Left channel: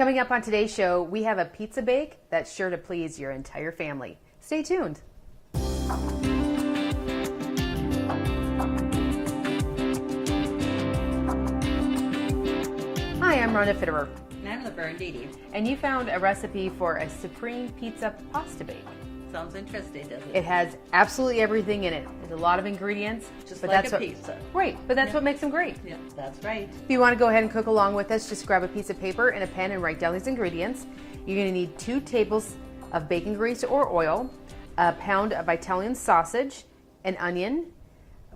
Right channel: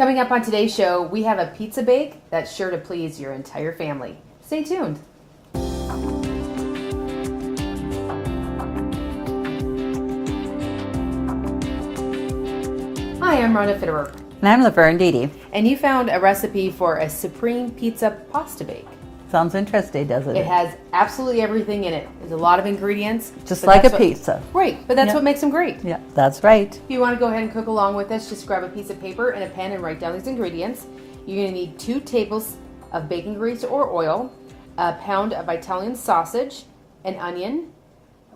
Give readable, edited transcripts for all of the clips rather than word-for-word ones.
Coming up on today's show, we have a pizza bake that's sure to please your entire family. Stay tuned. Hi, I'm Rhonda Fitterer. And I'm Laverne Dede. And you found a recipe for a supreme pizza pasta bake. Sounds interesting, doesn't it? It has absolutely everything in it. There's a lot of ingredients. Just like a pizza. Right, but that's what makes them great. Yeah, that's right. If you want to go ahead and cook along with us, just grab a piece of paper and a pen and write down these ingredients. You're going to need 2 tablespoons of bacon grease or oil, a pound of Italian sausage, an onion,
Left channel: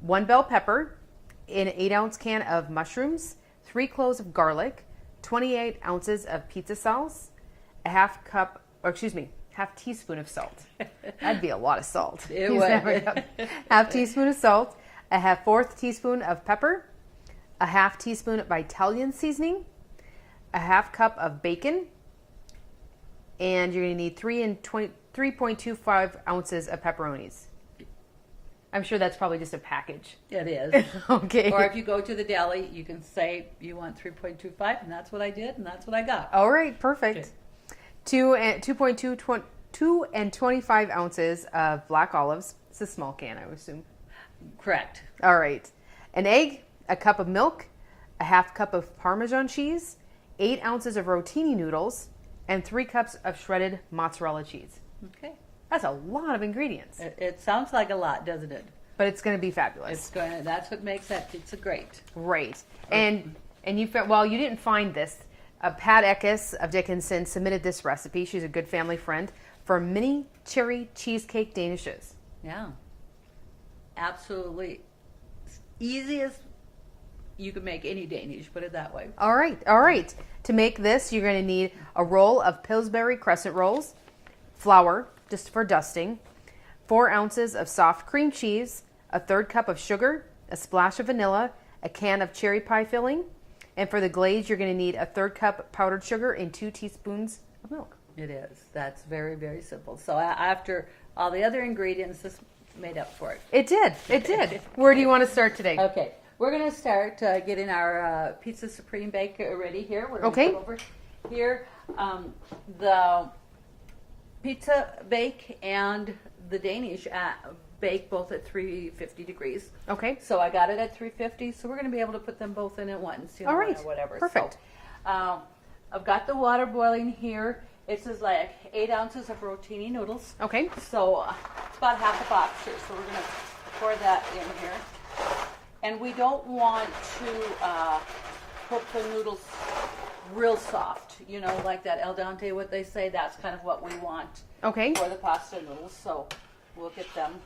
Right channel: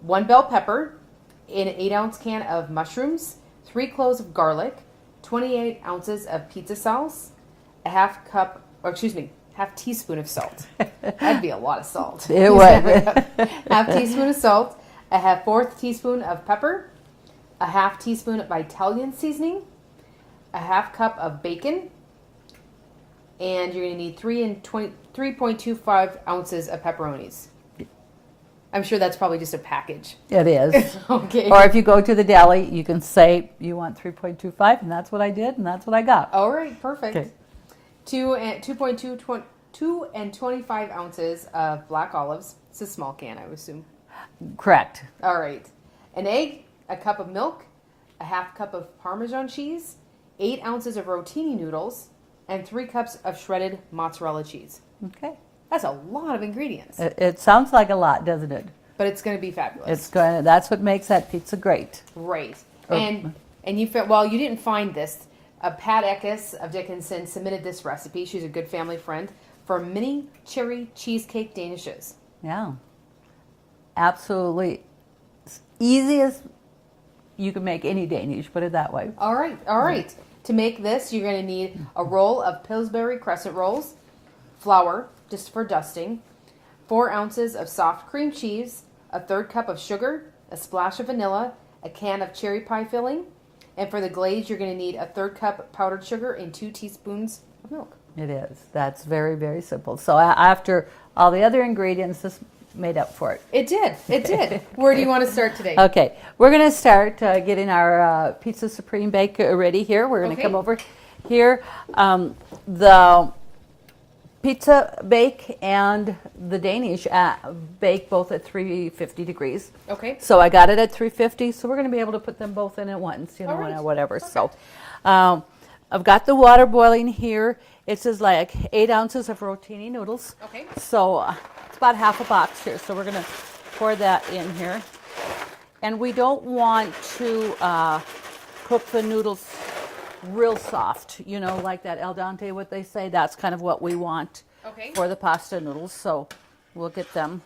1 bell pepper, an 8-ounce can of mushrooms, 3 cloves of garlic, 28 ounces of pizza sauce, a half teaspoon of salt. That'd be a lot of salt. It would. Half teaspoon of salt, a 1/4 teaspoon of pepper, a half teaspoon of Italian seasoning, a half cup of bacon, and you're going to need 3.25 ounces of pepperonis. I'm sure that's probably just a package. It is. Okay. Or if you go to the deli, you can say you want 3.25, and that's what I did, and that's what I got. All right, perfect. Okay. 2 and 25 ounces of black olives. It's a small can, I would assume. Correct. All right. An egg, a cup of milk, a half cup of Parmesan cheese, 8 ounces of rotini noodles, and 3 cups of shredded mozzarella cheese. Okay. That's a lot of ingredients. It sounds like a lot, doesn't it? But it's going to be fabulous. That's what makes that pizza great. Right. Oh. And you didn't find this. Pat Eckes of Dickinson submitted this recipe. She's a good family friend for mini cherry cheesecake danishes. Yeah. Absolutely. Easy as you can make any Danish, put it that way. All right. To make this, you're going to need a roll of Pillsbury crescent rolls, flour, just for dusting, 4 ounces of soft cream cheese, a 1/3 cup of sugar, a splash of vanilla, a can of cherry pie filling, and for the glaze, you're going to need a 1/3 cup powdered sugar and 2 teaspoons of milk. It is. That's very, very simple. So after all the other ingredients, this made up for it. It did. Where do you want to start today? Okay. We're going to start getting our Pizza Supreme bake ready here. We're going to come over here. The pizza bake and the Danish bake both at 350 degrees. Okay. So I got it at 350, so we're going to be able to put them both in at once, All right. or whatever. Perfect. So I've got the water boiling here. It says like 8 ounces of rotini noodles. Okay. So it's about half a box here. So we're going to pour that in here. And we don't want to cook the noodles real soft, like that al dente, what they say. That's kind of what we want for the pasta noodles. So we'll get them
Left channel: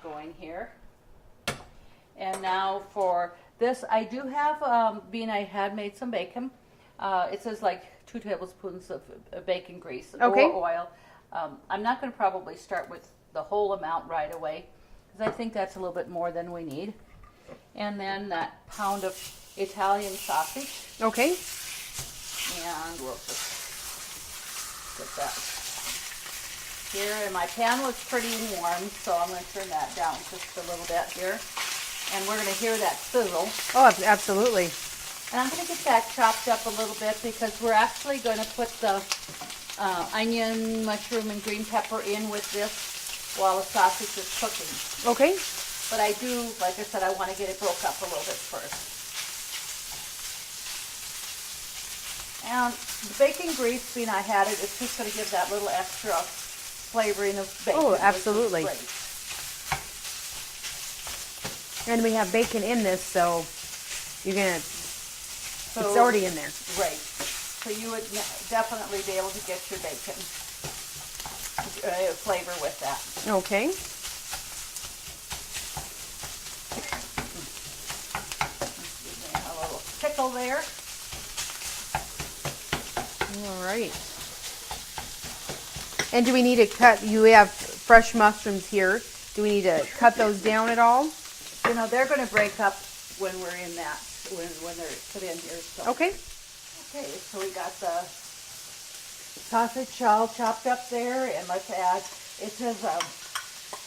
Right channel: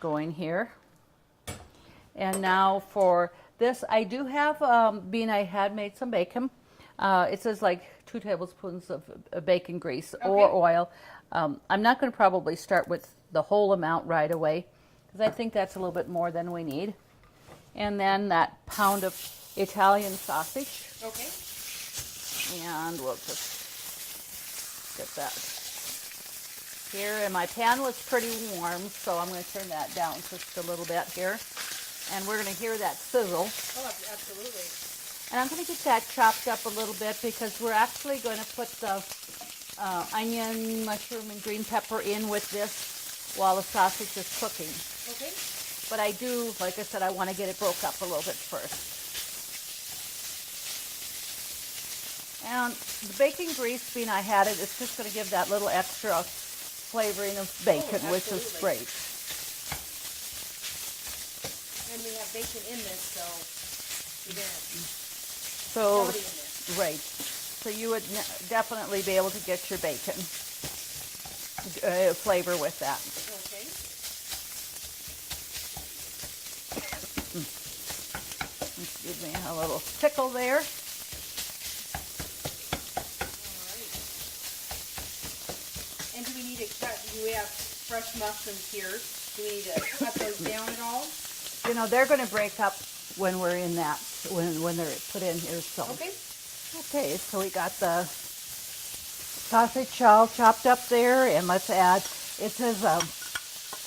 going here. And now for this, I do have, being I had made some bacon. It says like 2 tablespoons of bacon grease or oil. I'm not going to probably start with the whole amount right away because I think that's a little bit more than we need. And then that pound of Italian sausage. Okay. And we'll just get that here. And my pan was pretty warm, so I'm going to turn that down just a little bit here. And we're going to hear that sizzle. Oh, absolutely. And I'm going to get that chopped up a little bit because we're actually going to put the onion, mushroom, and green pepper in with this while the sausage is cooking. Okay. But I do, like I said, I want to get it broke up a little bit first. And the bacon grease, being I had it, it's just going to give that little extra flavoring of bacon. Oh, absolutely. Which is great. And we have bacon in this, so you're going to, it's already in there. Right. So you would definitely be able to get your bacon flavor with that. Okay. Give me a little pickle there. All right. And do we need to cut, you have fresh mushrooms here. Do we need to cut those down at all? They're going to break up when we're in that, when they're put in here. So. Okay. Okay, so we got the sausage all chopped up there, and let's add, it says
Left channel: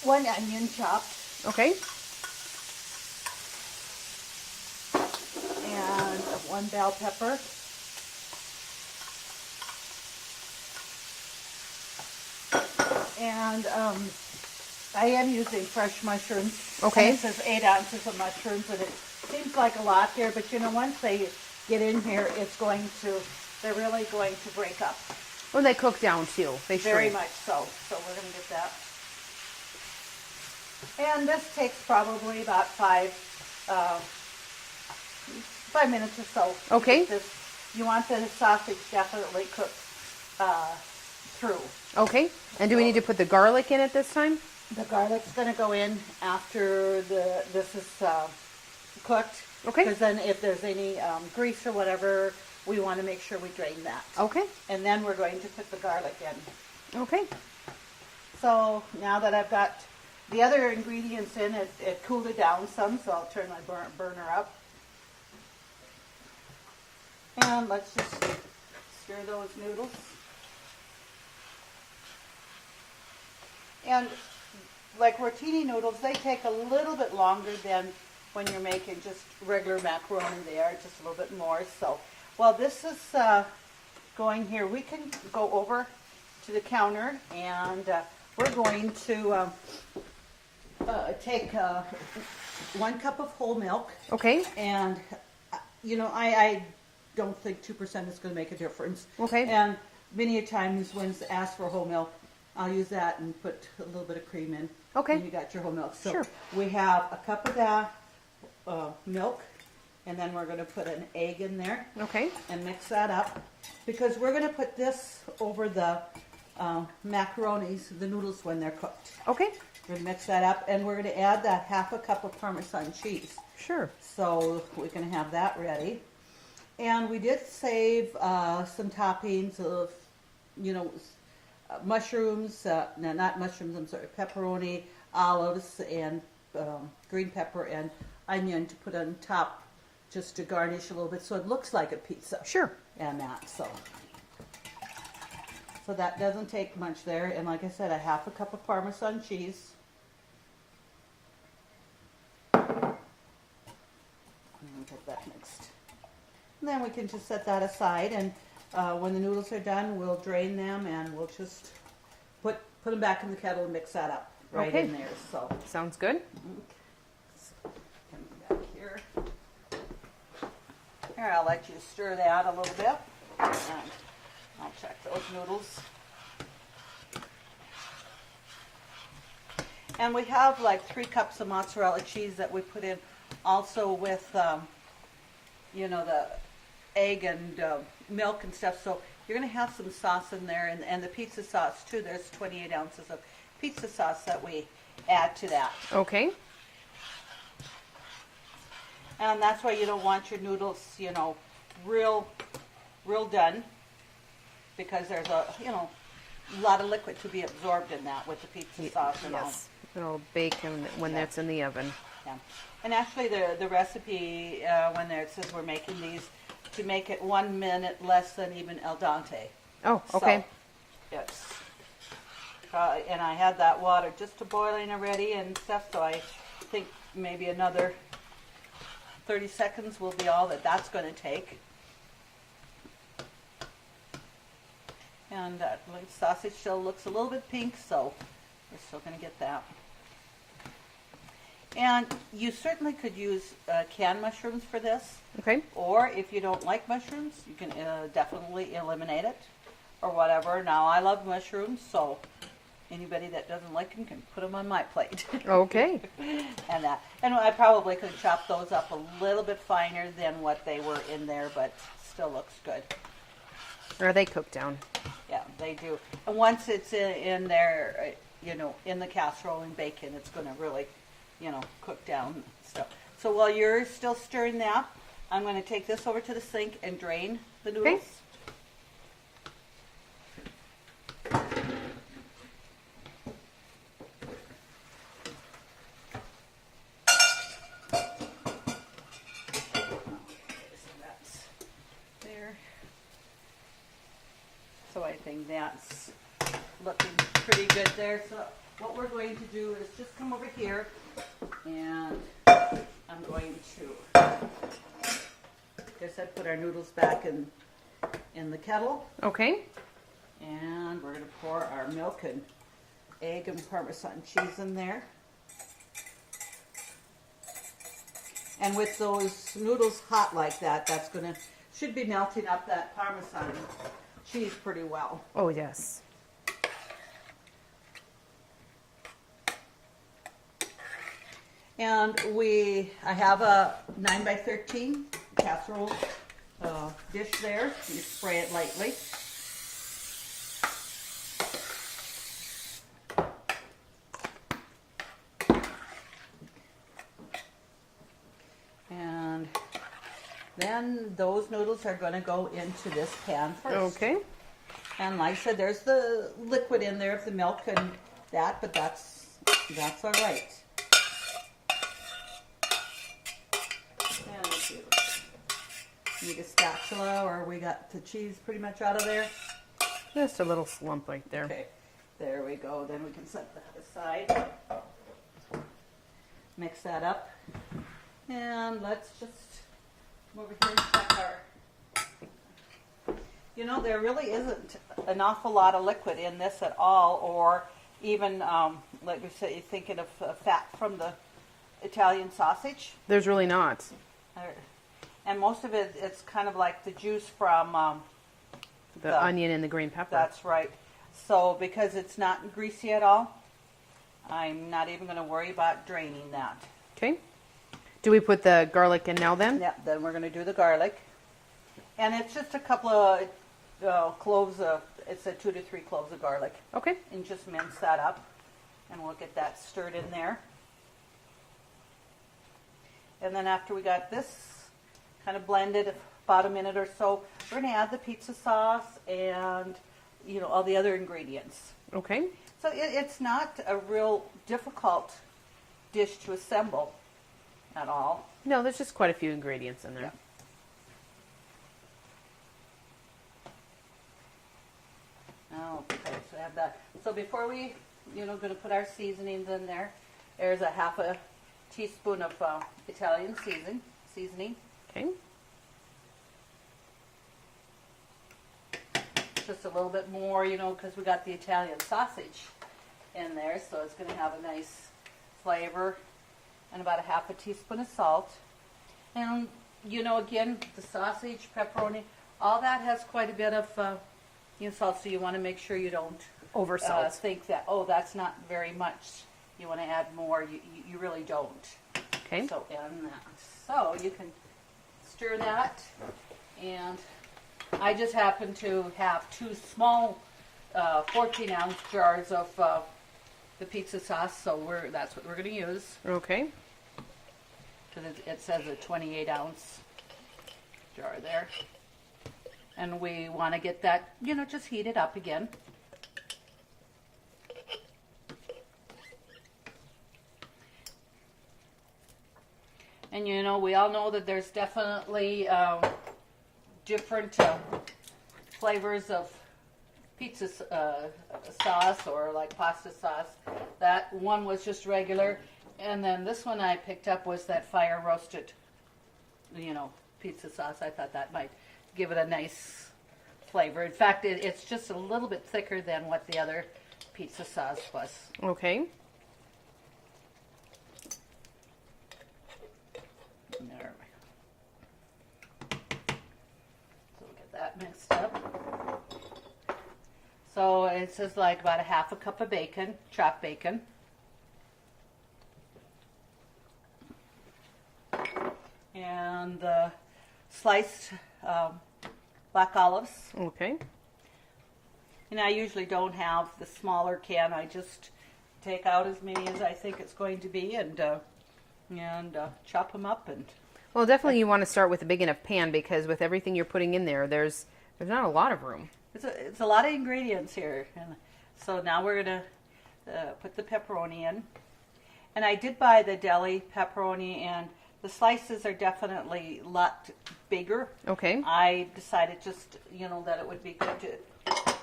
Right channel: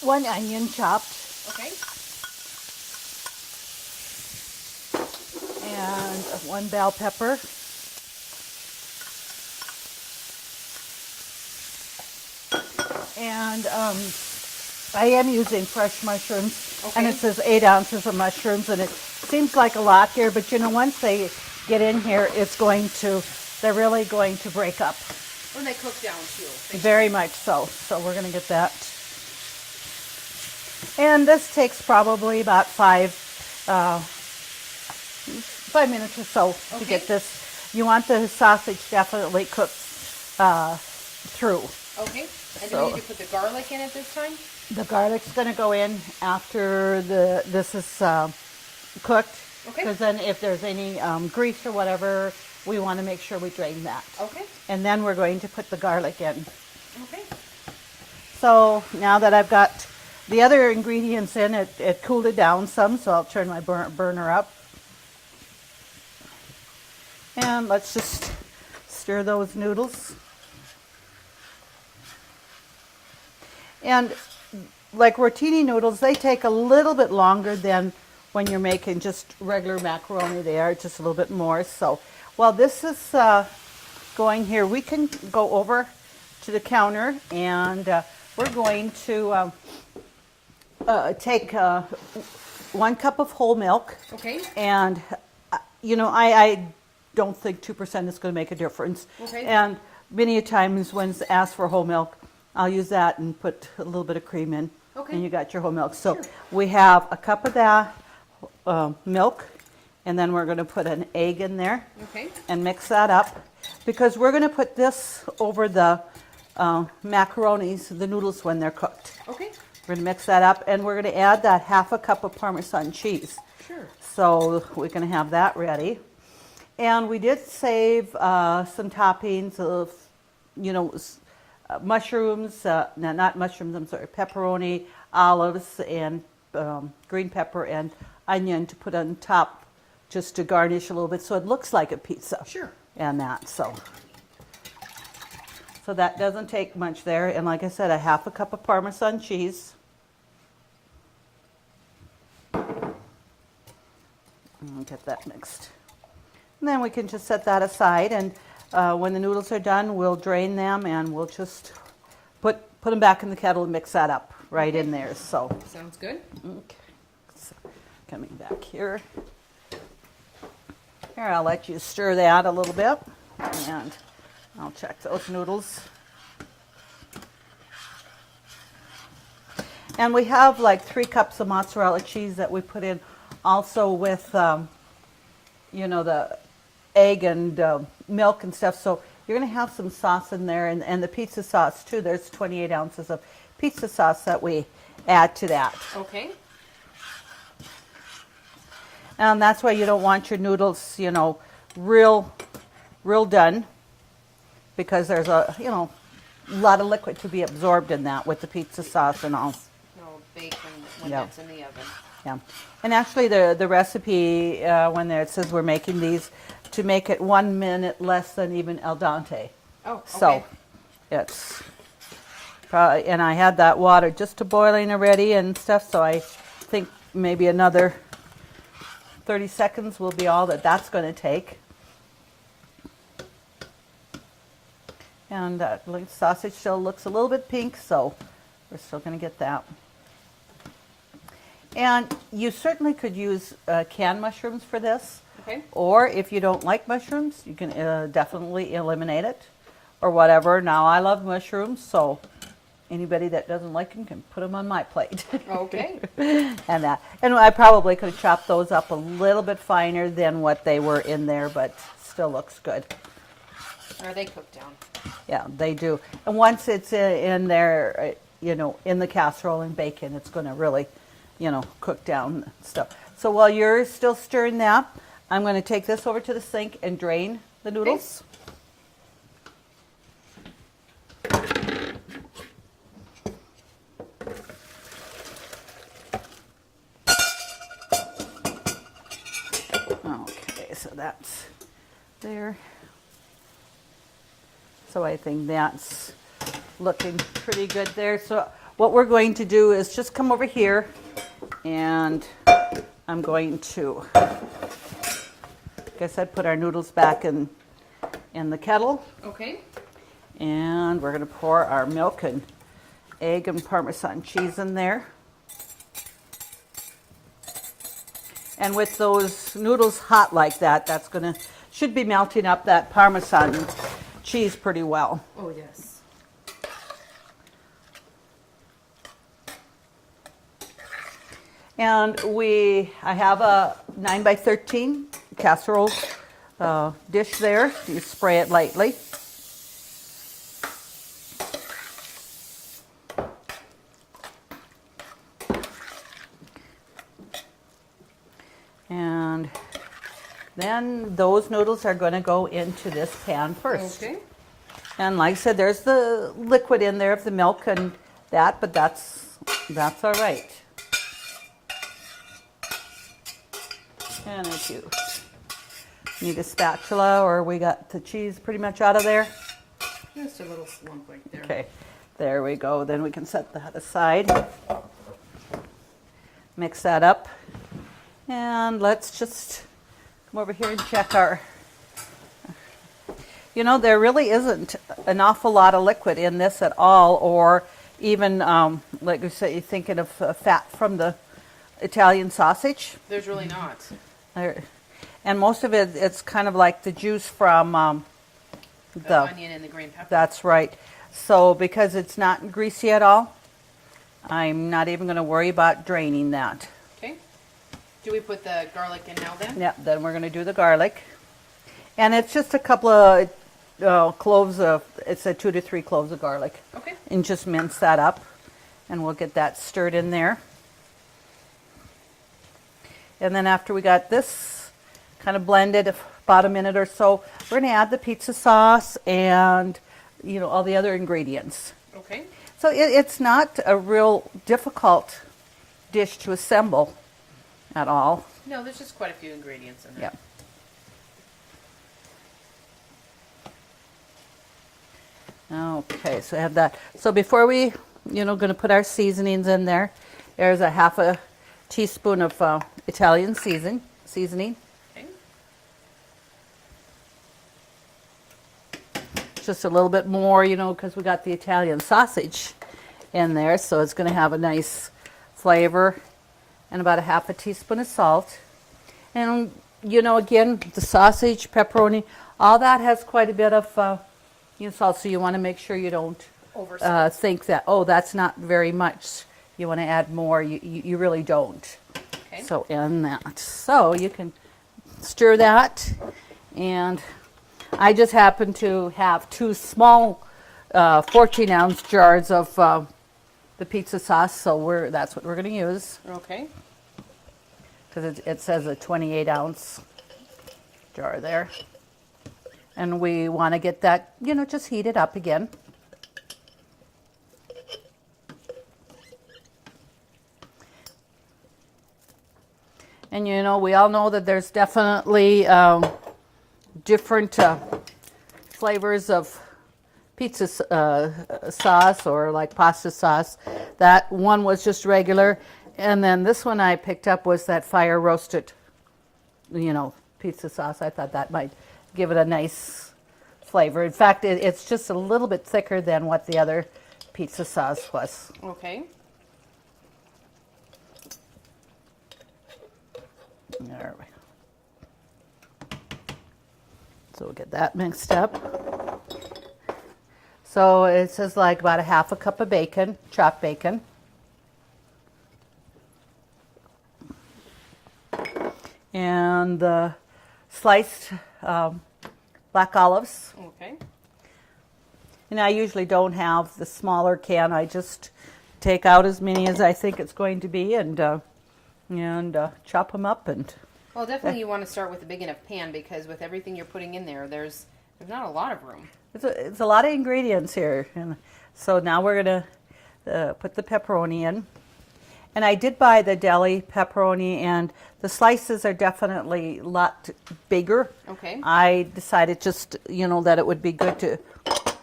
1 onion chopped. Okay. And 1 bell pepper. And I am using fresh mushrooms. Okay. And it says 8 ounces of mushrooms, and it seems like a lot here, but you know, once they get in here, they're really going to break up. When they cook down too. They Very shrink. much so. So we're going to get that. And this takes probably about 5 minutes or so to Okay. get this. You want the sausage definitely cooked through. Okay. And do we need to put the garlic in at this time? The garlic's going to go in after this is cooked. Okay. Because then if there's any grease or whatever, we want to make sure we drain that. Okay. And then we're going to put the garlic in. Okay. So now that I've got the other ingredients in, it cooled it down some, so I'll turn my burner up. And let's just stir those noodles. And like rotini noodles, they take a little bit longer than when you're making just regular macaroni. They are just a little bit more. So while this is going here, we can go over to the counter, and we're going to take 1 cup of whole milk. Okay. And, you know, I don't think 2% is going to make a difference. Okay. And many a times when it's asked for whole milk, I'll use that and put a little bit of cream in. Okay. And you got your whole milk. So Sure. we have a cup of that milk, and then we're going to put an egg in there. Okay. And mix that up, because we're going to put this over the macaronis, the noodles, when they're cooked. Okay. We're going to mix that up, and we're going to add that 1/2 cup of Parmesan cheese. Sure. So we can have that ready. And we did save some toppings of, you know, mushrooms, no, not mushrooms, I'm sorry, pepperoni, olives, and green pepper and onion to put on top, just to garnish a little bit so it looks like a pizza. Sure. And that, so that doesn't take much there. And like I said, 1/2 cup of Parmesan cheese. And get that mixed. And then we can just set that aside, and when the noodles are done, we'll drain them, and we'll just put them back in the kettle and mix that up right in there. So Sounds good. okay. So, coming back here. Here, I'll let you stir that a little bit, and I'll check those noodles. And we have like 3 cups of mozzarella cheese that we put in also with, you know, the egg and milk and stuff. So you're going to have some sauce in there, and the pizza sauce too. There's 28 ounces of pizza sauce that we add to that. Okay. And that's why you don't want your noodles, you know, real done, because there's a, you know, lot of liquid to be absorbed in that with the pizza sauce and all. Yes. It'll bake when Yeah. that's in the oven. Yeah. And actually the recipe, when there it says we're making these to make it 1 minute less than even al dente. Oh, So okay. it's probably, and I had that water just to boiling already and stuff, so I think maybe another 30 seconds will be all that's going to take. And that sausage still looks a little bit pink, so we're still going to get that. And you certainly could use canned mushrooms for this. Okay. Or if you don't like mushrooms, you can definitely eliminate it or whatever. Now, I love mushrooms, so anybody that doesn't like them can put them on my plate. Okay. And I probably could have chopped those up a little bit finer than what they were in there, but still looks good. Or they cook down. Yeah, they do. And once it's in there, you know, in the casserole and bacon, it's going to really, you know, cook down stuff. So while you're still stirring that, I'm going to take this over to the sink and drain the noodles. Okay, so that's there. So I think that's looking pretty good there. So what we're going to do is just come over here, and I'm going to, guess I put our noodles back in the kettle, Okay. and we're going to pour our milk and egg and Parmesan cheese in there. And with those noodles hot like that, should be melting up that Parmesan cheese pretty well. Oh, yes. And I have a 9x13 casserole dish there. You spray it lightly. And then those noodles are going to go into this pan first. Okay. And like I said, there's the liquid in there of the milk and that, but that's all right. And if you need a spatula, or we got the cheese pretty much out of there. Just a little slump right there. Okay, there we go. Then we can set that aside. Mix that up. And let's just come over here and check our... You know, there really isn't an awful lot of liquid in this at all, or even, like you said, you're thinking of fat from the Italian sausage. There's really not. And most of it, it's kind of like the juice from the onion and the green pepper. That's right. So because it's not greasy at all, I'm not even going to worry about draining that. Okay. Do we put the garlic in now then? Yeah, then we're going to do the garlic. And it's just a couple of cloves of, it's 2 to 3 cloves of garlic. Okay. And just mince that up. And we'll get that stirred in there. And then after we got this kind of blended about a minute or so, we're going to add the pizza sauce and, you know, all the other ingredients. Okay. So it's not a real difficult dish to assemble at all. No, there's just quite a few ingredients in there. Yeah. Okay, so I have that. So before we, going to put our seasonings in there, there's a half a teaspoon of Italian seasoning. Okay. Just a little bit more, because we got the Italian sausage in there, so it's going to have a nice flavor. And about a half a teaspoon of salt. And, again, the sausage, pepperoni, all that has quite a bit of salt, so you want to make sure you don't think that, oh, that's not very much. You want to add more. You really don't. Okay. So in that. So you can stir that. And I just happen to have 2 small 14-ounce jars of the pizza sauce, so that's what we're going to use. Okay. Because it says a 28-ounce jar there. And we want to get that, just heated up again. And we all know that there's definitely different flavors of pizza sauce or like pasta sauce. That one was just regular. And then this one I picked up was that fire roasted, pizza sauce. I thought that might give it a nice flavor. In fact, it's just a little bit thicker than what the other pizza sauce was. Okay. There we go. So we'll get that mixed up. So it says like about a half a cup of bacon, chopped bacon. And the sliced black olives. Okay. And I usually don't have the smaller can. I just take out as many as I think it's going to be and chop them up. And well, definitely you want to start with a big enough pan because with everything you're putting in there, there's not a lot of room. It's a lot of ingredients here. And so now we're going to put the pepperoni in. And I did buy the deli pepperoni, and the slices are definitely a lot bigger. Okay. I decided just, that it would be good to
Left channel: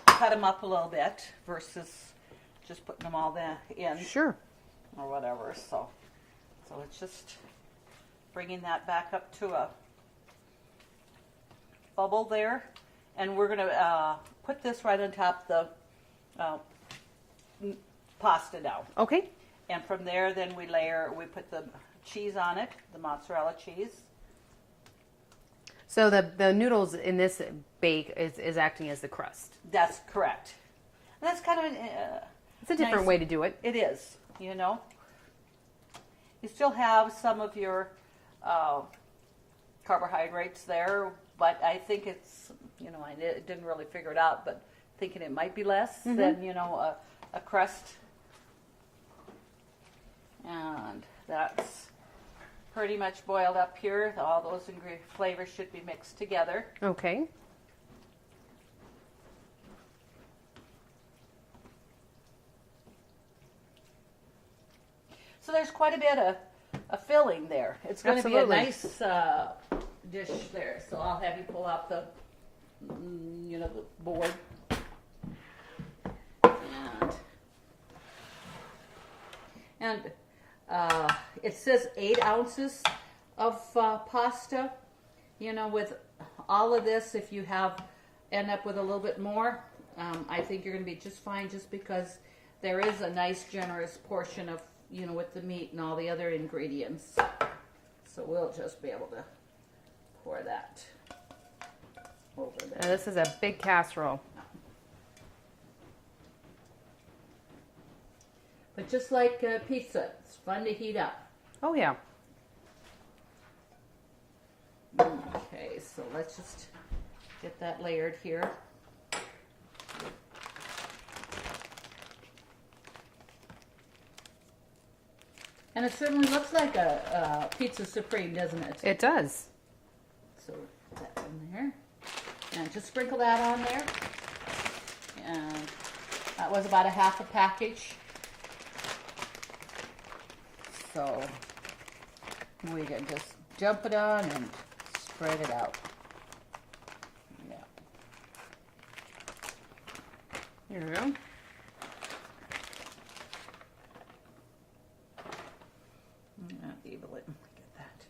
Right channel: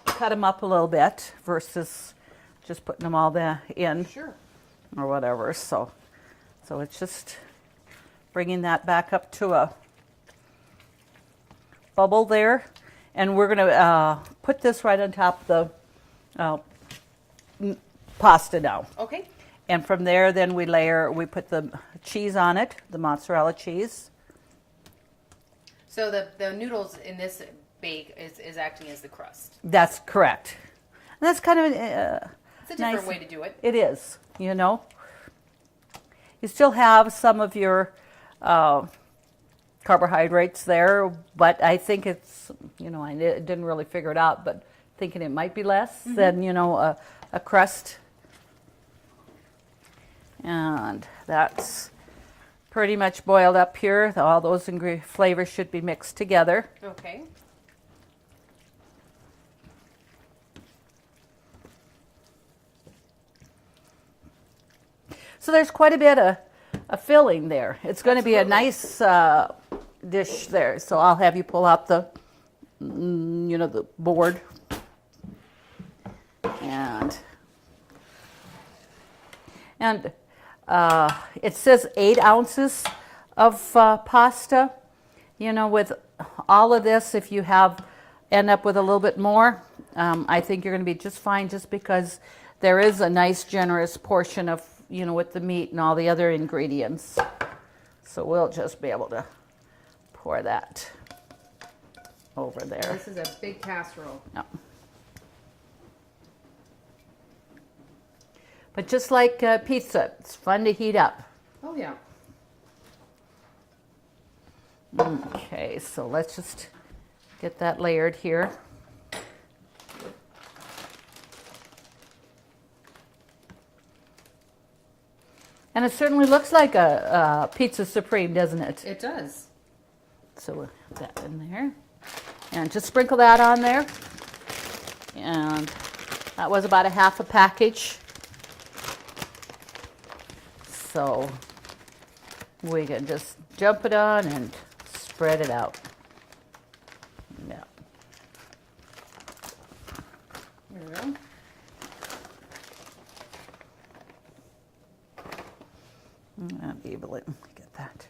cut them up a little bit versus just putting them all in. Sure. Or whatever. So it's just bringing that back up to a bubble there. And we're going to put this right on top of the pasta now. Okay. And from there, then we put the cheese on it, the mozzarella cheese. So the noodles in this bake is acting as the crust. That's correct. And that's kind of It's a different way to do it. It is, you know. You still have some of your carbohydrates there, but I think it's, you know, I didn't really figure it out, but thinking it might be less than, you know, a crust. And that's pretty much boiled up here. All those flavors should be mixed together. Okay. So there's quite a bit of filling there. It's going to be a nice dish there. So I'll have you pull out the, you know, the board. And it says 8 ounces of pasta. You know, with all of this, if you end up with a little bit more, I think you're going to be just fine, just because there is a nice generous portion of, you know, with the meat and all the other ingredients. So we'll just be able to pour that over there. Now this is a big casserole. Yeah. But just like pizza, it's fun to heat up. Oh yeah. Okay, so let's just get that layered here. And it certainly looks like a pizza supreme, doesn't it? It does. So we'll put that in there. And just sprinkle that on there. And that was about a half a package. So we can just jump it on and spread it out. Yeah. There we go. I'll be able to get that.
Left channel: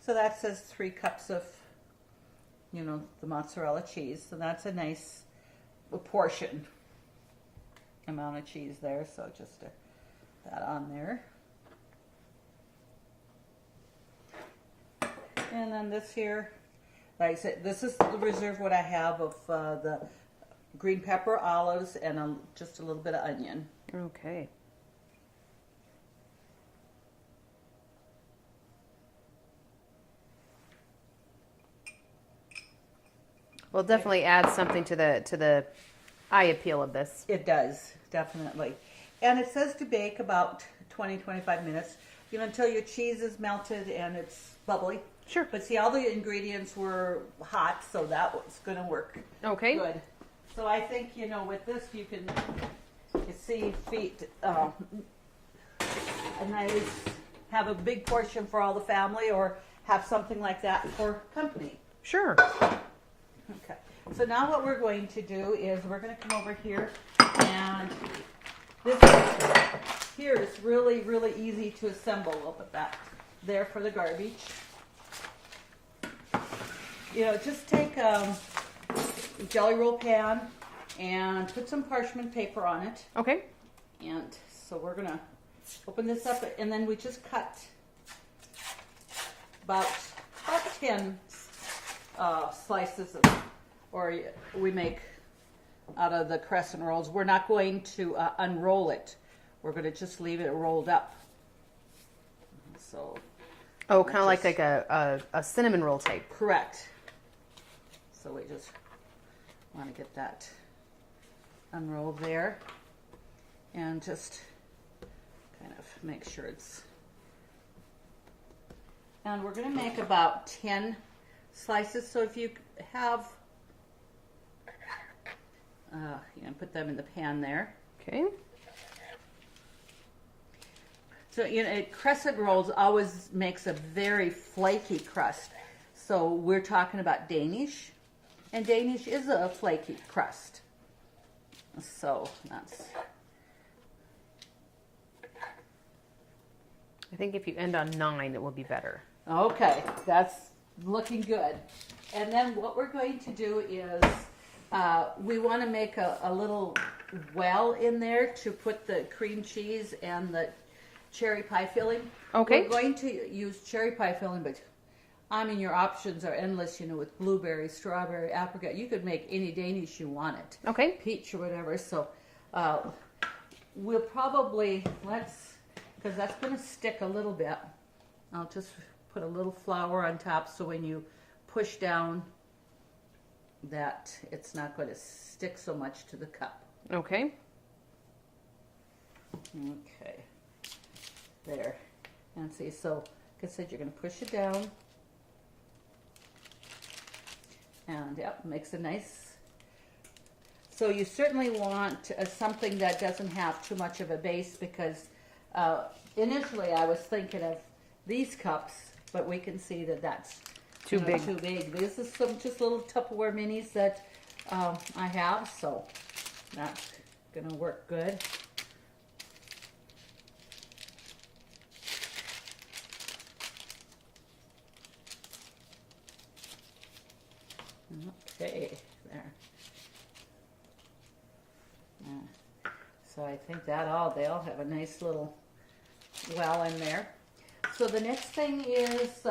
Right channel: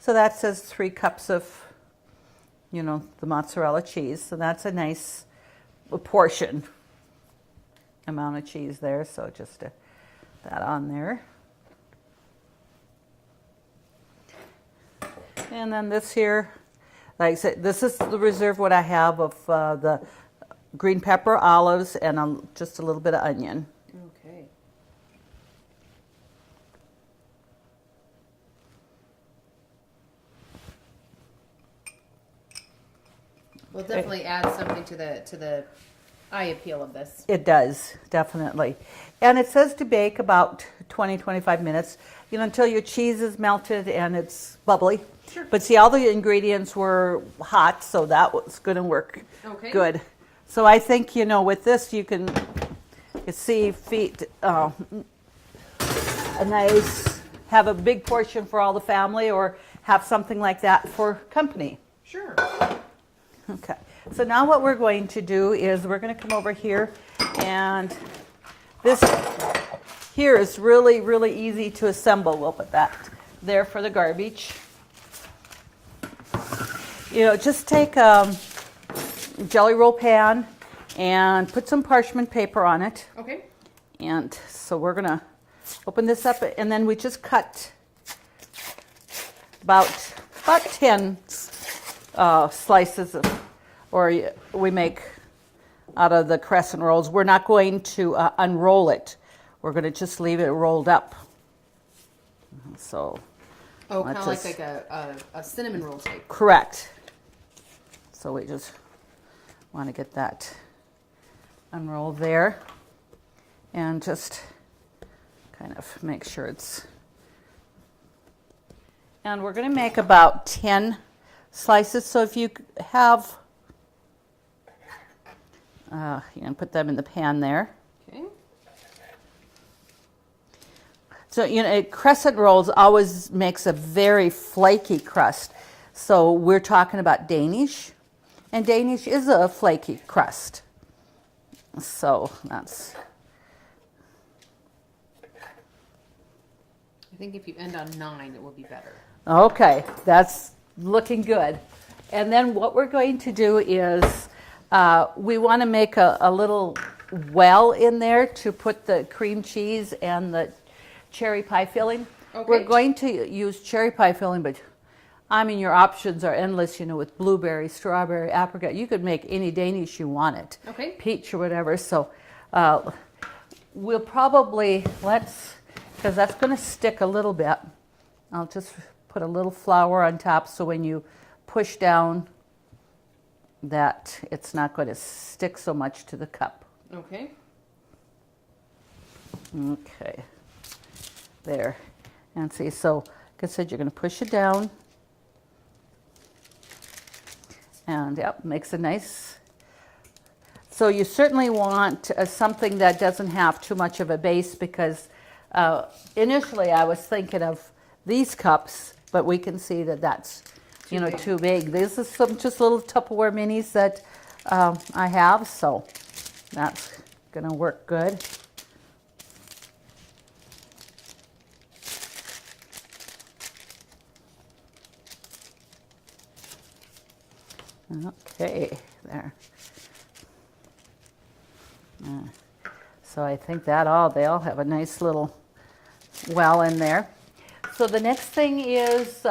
So that says 3 cups of, you know, the mozzarella cheese. So that's a nice portion amount of cheese there. So just that on there. And then this here, like I said, this is the reserve what I have of the green pepper, olives, and just a little bit of onion. Okay. Well, definitely adds something to the eye appeal of this. It does, definitely. And it says to bake about 20-25 minutes, you know, until your cheese is melted and it's bubbly. Sure. But see, all the ingredients were hot, so that was going to work good. So I think, you know, with this you can see a nice, have a big portion for all the family, or have something like that for company. Sure. Okay, so now what we're going to do is we're going to come over here, and this here is really, really easy to assemble. We'll put that there for the garbage. You know, just take a jelly roll pan and put some parchment paper on it. Okay. And so we're going to open this up, and then we just cut about 10 slices or we make out of the crescent rolls. We're not going to unroll it. We're going to just leave it rolled up. So, oh, kind of like a cinnamon roll type. Correct. So we just want to get that unrolled there, and just kind of make sure it's. And we're going to make about 10 slices. So if you have, you can put them in the pan there. Okay. So, you know, crescent rolls always makes a very flaky crust. So we're talking about Danish, and Danish is a flaky crust. So that's. I think if you end on 9, it will be better. Okay, that's looking good. And then what we're going to do is we want to make a little well in there to put the cream cheese and the cherry pie filling. Okay. We're going to use cherry pie filling, but I mean, your options are endless, you know, with blueberry, strawberry, apricot. You could make any Danish you want it. Okay. Peach or whatever. So we'll probably, because that's going to stick a little bit. I'll just put a little flour on top so when you push down that it's not going to stick so much to the cup. Okay. Okay. There. And see, so like I said, you're going to push it down. And yep, makes a nice. So you certainly want something that doesn't have too much of a base, because initially I was thinking of these cups, but we can see that that's too big. These are some just little Tupperware minis that I have, so that's gonna work good. Okay, there. So I think they all have a nice little well in there. So the next thing is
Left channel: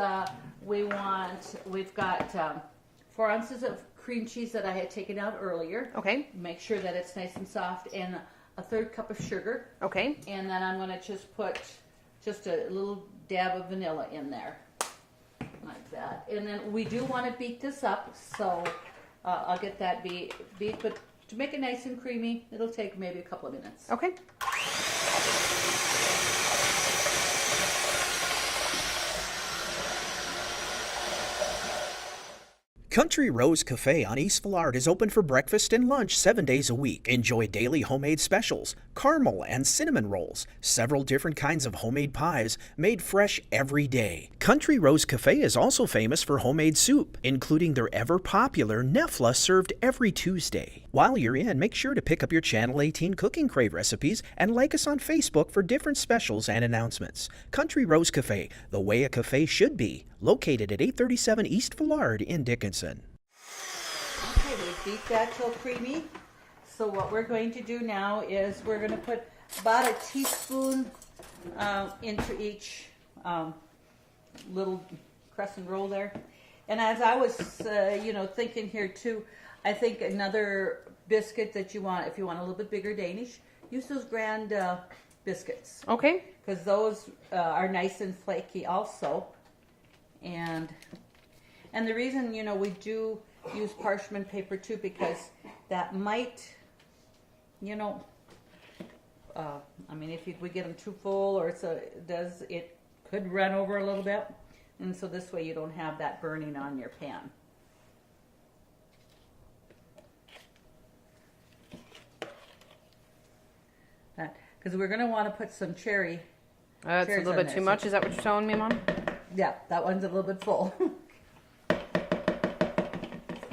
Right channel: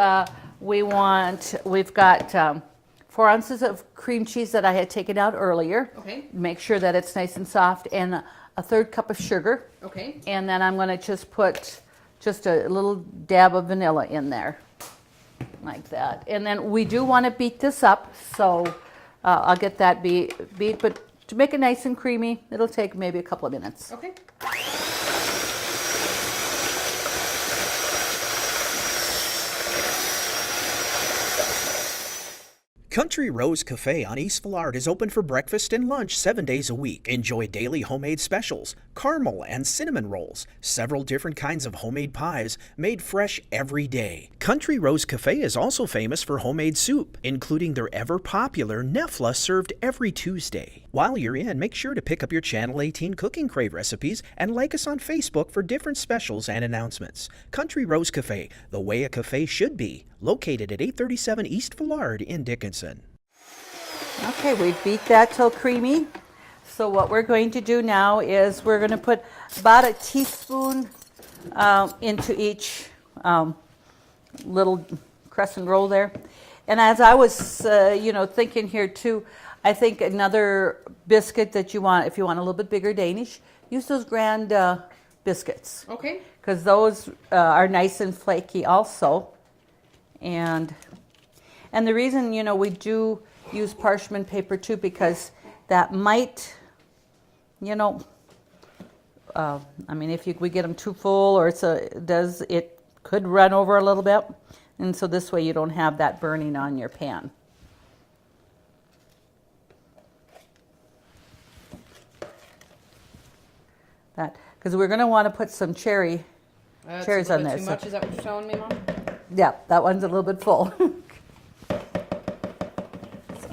we've got 4 ounces of cream cheese that I had taken out earlier. Okay. Make sure that it's nice and soft, and a 1/3 cup of sugar. Okay. And then I'm going to just put just a little dab of vanilla in there, like that. And then we do want to beat this up, so I'll get that beat, but to make it nice and creamy, it'll take maybe a couple of minutes. Okay. Country Rose Cafe on East Villard is open for breakfast and lunch 7 days a week. Enjoy daily homemade specials, caramel and cinnamon rolls, several different kinds of homemade pies made fresh every day. Country Rose Cafe is also famous for homemade soup, including their ever-popular Nefla served every Tuesday. While you're in, make sure to pick up your Channel 18 Cooking Crave recipes and like us on Facebook for different specials and announcements. Country Rose Cafe, the way a cafe should be, located at 837 East Villard in Dickinson. Okay, we've beat that till creamy. So what we're going to do now is we're going to put about a teaspoon into each little crescent roll there. And as I was, thinking here too, I think another biscuit that you want, if you want a little bit bigger Danish, use those grand biscuits. Okay. Because those are nice and flaky also. And the reason, we do use parchment paper too, because that might, if we get them too full, or it could run over a little bit. And so this way you don't have that burning on your pan. Because we're going to want to put some cherries That's a on little bit there. too much. Is that what you're telling me, Mom? Yeah, that one's a little bit full. So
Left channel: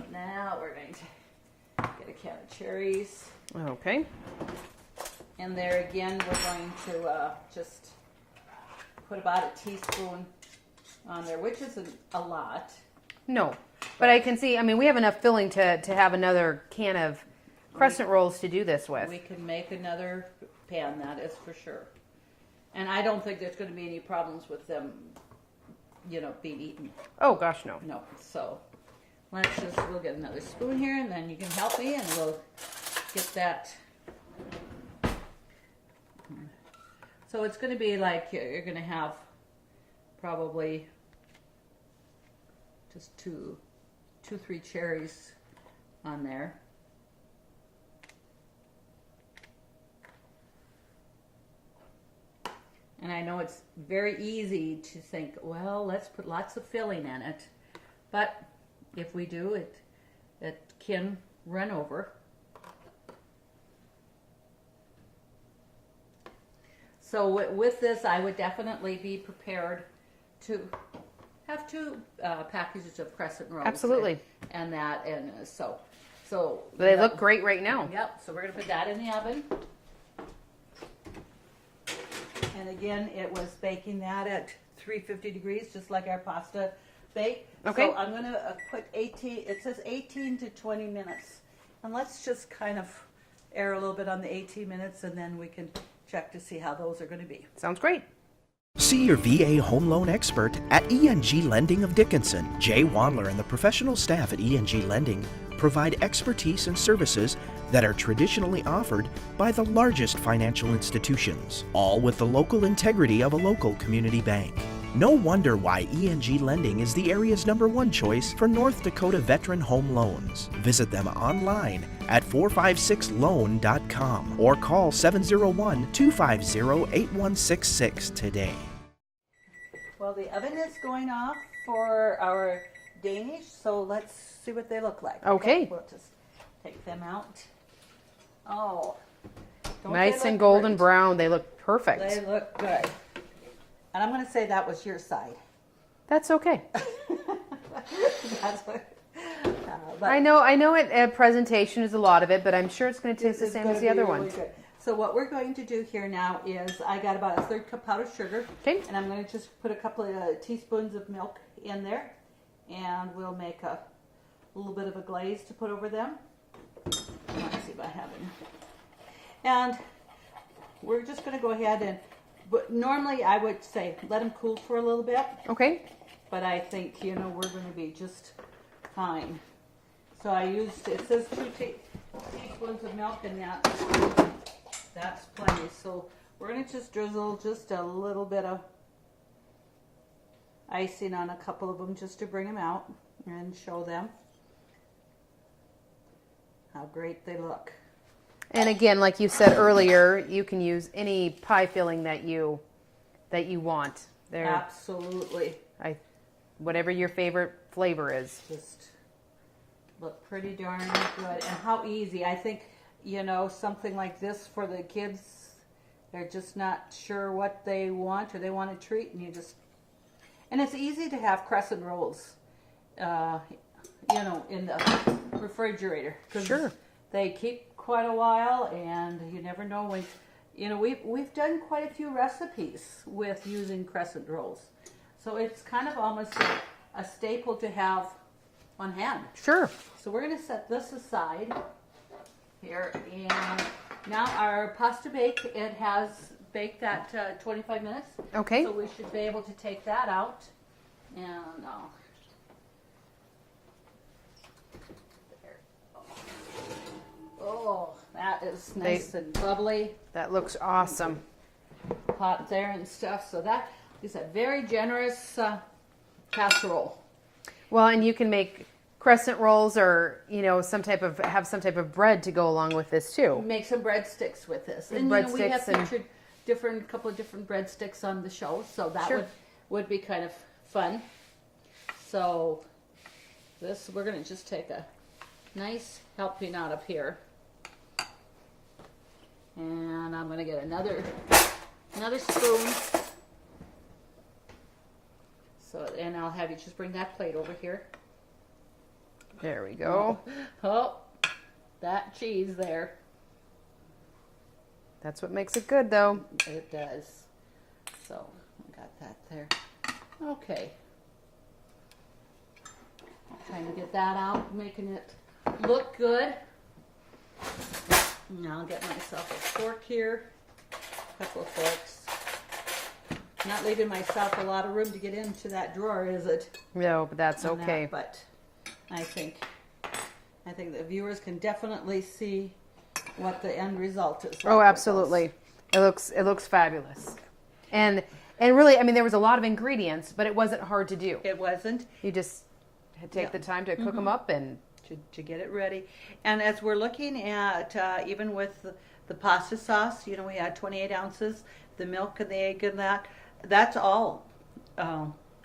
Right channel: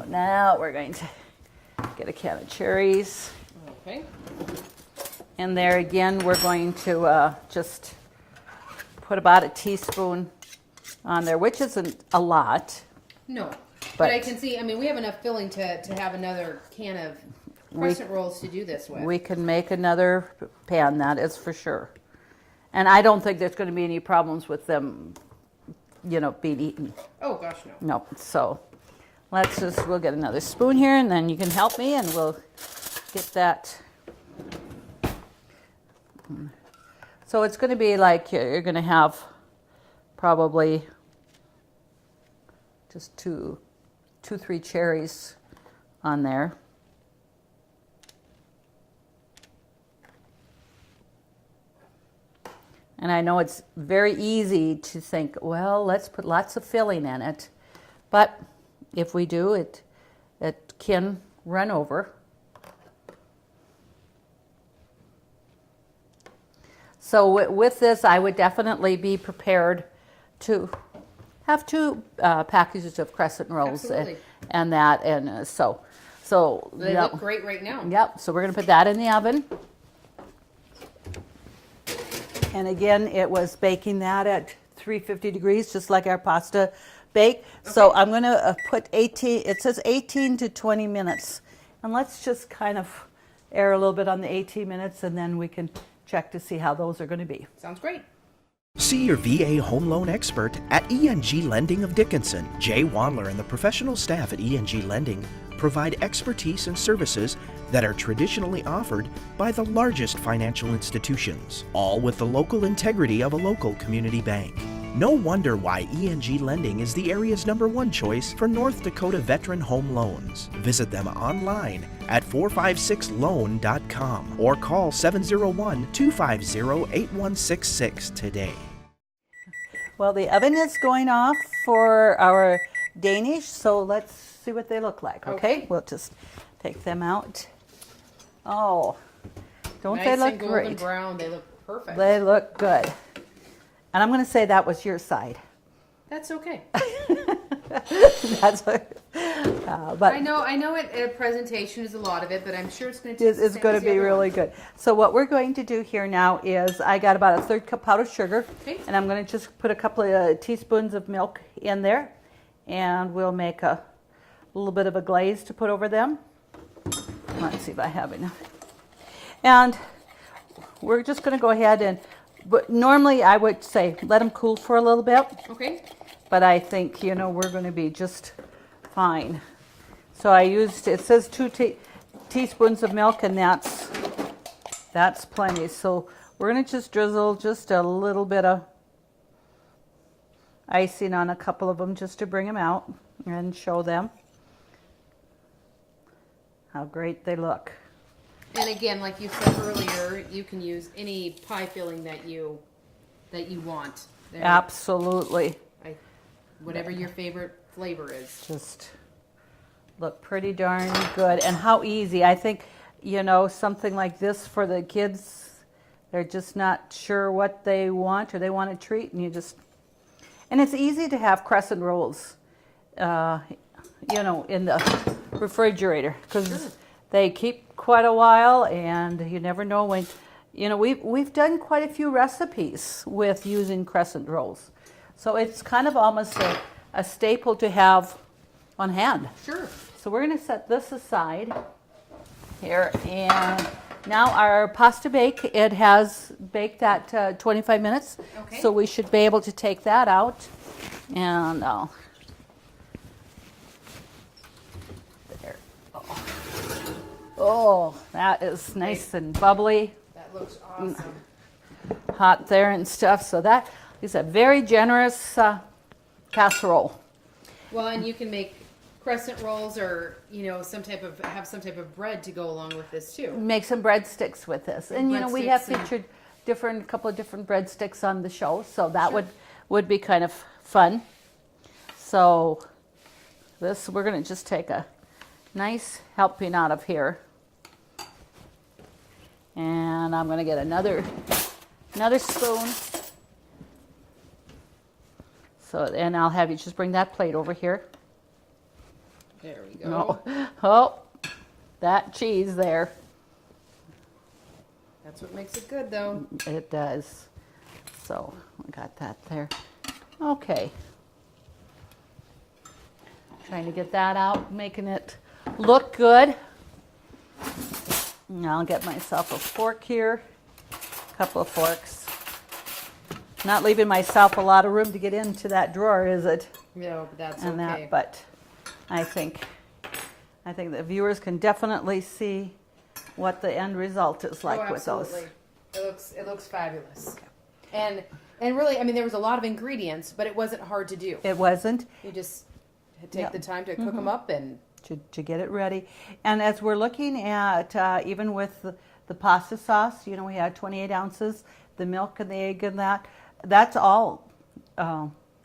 now we're going to get a can of cherries. Okay. And there again, we're going to just put about a teaspoon on there, which isn't a lot. No. But I can see, we have enough filling to have another can of crescent rolls to do this with. We can make another pan, that is for sure. And I don't think there's going to be any problems with them, being eaten. Oh, gosh, no. No. So we'll get another spoon here, and then you can help me, and we'll get that. So it's going to be like you're going to have probably just two, 3 cherries on there. And I know it's very easy to think, well, let's put lots of filling in it. But if we do, it can run over. So with this, I would definitely be prepared to have 2 packages of crescent rolls. Absolutely. So They look great right now. Yep. So we're going to put that in the oven. And again, it was baking that at 350 degrees, just like our pasta bake. Okay. So I'm going to put 18, it says 18 to 20 minutes. And let's just kind of air a little bit on the 18 minutes, and then we can check to see how those are going to be. Sounds great. See your VA home loan expert at ENG Lending of Dickinson. Jay Wadler and the professional staff at ENG Lending provide expertise and services that are traditionally offered by the largest financial institutions, all with the local integrity of a local community bank. No wonder why ENG Lending is the area's #1 choice for North Dakota veteran home loans. Visit them online at 456loan.com or call 701-250-8166 today. Well, the oven is going off for our Danish, so let's see what they look like. Okay. We'll just take them out. Oh, don't Nice they look and golden great? brown. They look perfect. They look good. And I'm going to say that was your side. That's okay. That's what, but I know it. A presentation is a lot of it, but I'm sure it's going to taste the it's same going as to the be other really one. good. So what we're going to do here now is I got about a 1/3 cup powdered sugar, Okay. and I'm going to just put a couple of teaspoons of milk in there, and we'll make a little bit of a glaze to put over them. Let's see if I have enough. And we're just going to go ahead and, but normally I would say let them cool for a little bit, Okay. but I think, you know, we're going to be just fine. So I used, it says 2 teaspoons of milk, and that's plenty. So we're going to just drizzle just a little bit of icing on a couple of them just to bring them out and show them how great they look. And again, like you said earlier, you can use any pie filling that you want. They're- Absolutely. whatever your favorite flavor is. Just look pretty darn good. And how easy. I think, you know, something like this for the kids, they're just not sure what they want, or they want a treat, and you just, and it's easy to have crescent rolls, you know, in the refrigerator, because Sure. they keep quite a while, and you never know when, you know, we've done quite a few recipes with using crescent rolls. So it's kind of almost a staple to have on hand. Sure. So we're going to set this aside here, and now our pasta bake, it has baked at 25 minutes. Okay. So we should be able to take that out, and there. Oh, that is nice and bubbly, That looks awesome. hot there and stuff. So that is a very generous casserole. Well, and you can make crescent rolls, or you know, have some type of bread to go along with this too. Make some breadsticks with this, and you know, we have breadsticks and- featured a couple of different breadsticks on the show, so that Sure. would be kind of fun. So this, we're going to just take a nice helping out of here, and I'm going to get another spoon. So, and I'll have you just bring that plate over here. There we go. Oh, that cheese there. That's what makes it good, though. It does. So I got that there. Okay. Trying to get that out, making it look good. Now I'll get myself a fork here, a couple of forks. Not leaving myself a lot of room to get into that drawer, is it? No, but that's And okay. but I think the viewers can definitely see what the end result is like. Oh, with absolutely. It looks fabulous. And really, I mean, there was a lot of ingredients, but it wasn't hard to do. those. It wasn't. You just take the time to cook them up and To get it ready. And as we're looking at, even with the pasta sauce, you know, we had 28 ounces, the milk and the egg and that's all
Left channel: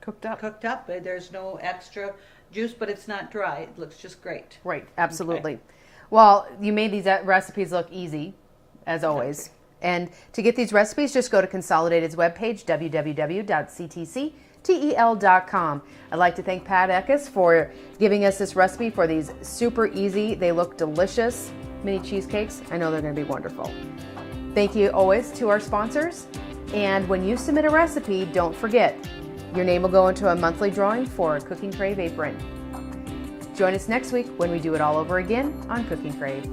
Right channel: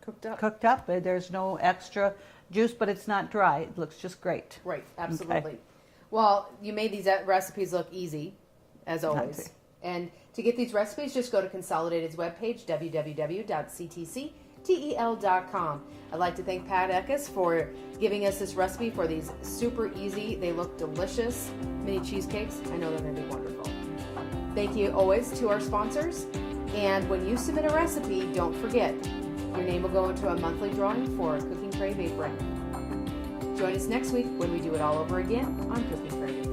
cooked up. cooked up. There's no extra juice, but it's not dry. It looks just great. Right, absolutely. Well, you made these recipes look easy, as always. And to get these recipes, just go to Consolidated's webpage, www.ctctel.com. I'd like to thank Pat Eckes for giving us this recipe for these super easy, they look delicious mini cheesecakes. I know they're going to be wonderful. Thank you always to our sponsors. And when you submit a recipe, don't forget, your name will go into a monthly drawing for a Cooking Crave apron. Join us next week when we do it all over again on Cooking Crave.